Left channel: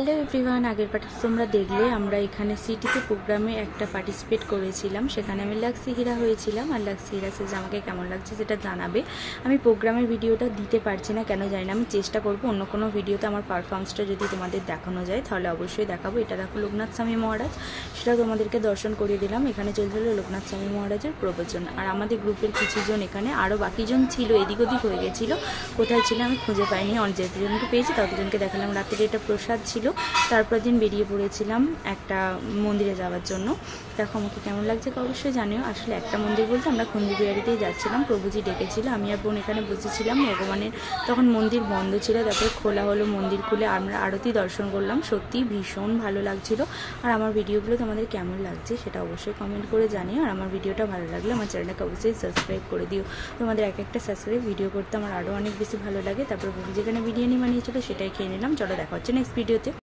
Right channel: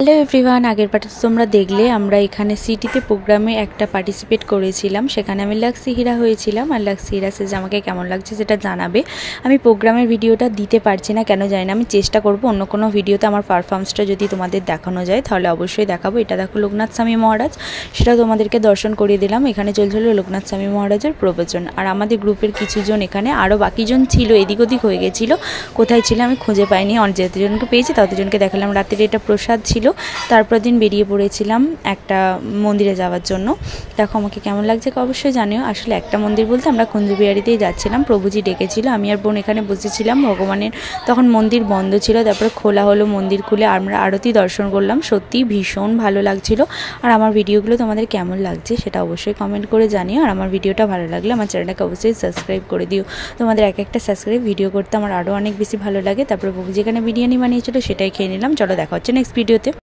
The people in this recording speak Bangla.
হ্যালো এভরিওয়ান, আগের পার্টে তোমরা দেখলে আমরা এখানে সিটিতে প্রোগ্রামে একটা পার্টিসিপেট করেছিলাম। সেখানে আমি লাক্সি হিরা হয়েছিলাম। আর লাক্সি হিরা সেজে আমাকে কেমন লাগছে সেটা জানাবে। আমি প্রোগ্রামের ভিডিওটা দিতে পারছি না, কেন জানি না। আমি চেষ্টা করব অন্য কোনো ভিডিওতে আমার পারফরমেন্সটা যদি তোমাদের দেখানো যায় তাহলে অবশ্যই দেখাবো। এটা দেখো লোকনাথ স্বামী মহারাজ, সেটাও তোমাদেরকে দর্শন করিয়ে দিলাম। এখানে চলছিল লোকনাথ স্বামী মহারাজের প্রবচন। আর আমাদের গ্রুপের কিছুজন, এখানে আরও বাকিজন ছিল, এদিক ওদিক হয়ে গেছিলো। কোথায় ছিল আমি খুঁজে পাইনি। যতজনকে পেয়েছি ততজনকে দেখালাম। রাতের এটা প্রসাদ ছিল। তারপর দিন বেরিয়ে পড়েছিলাম একটা মন্দিরে যাওয়ার জন্য। দেখো আমাকে কেমন লাগছে অবশ্যই জানিও। আসলে একটা মন্দির বলতে আমরা কুঞ্জবিহারিতেই যাচ্ছিলাম। প্রভুজি ডেকেছিল, আমি আর বোন এখানে বসেছিলাম। ভগবানের তখন মন্দির বন্ধ ছিল, তারপরে খোলা হলো। মন্দির খুলে আমরা আরতি দর্শন করলাম। সত্যিই ভীষণ ভালো লাগছিল। আর আমার ভিডিওগুলো তোমাদের কেমন লাগছে সেটা অবশ্যই কমেন্ট করে জানিও। আর আমার ভিডিওটা ভালো লাগলে আমার চ্যানেলটাকে অবশ্যই সাবস্ক্রাইব করে দিও। তোমাদের এক একটা সাবস্ক্রাইব ভিডিও করতে আমার আরও অনেক বেশি ভালো লাগে। তারপরে প্রভুজি এখানে বিরিয়ানি বানিয়েছিল, সেটাই খেয়ে নিলাম। চলো দেখা হচ্ছে নেক্সট ভিডিওতে।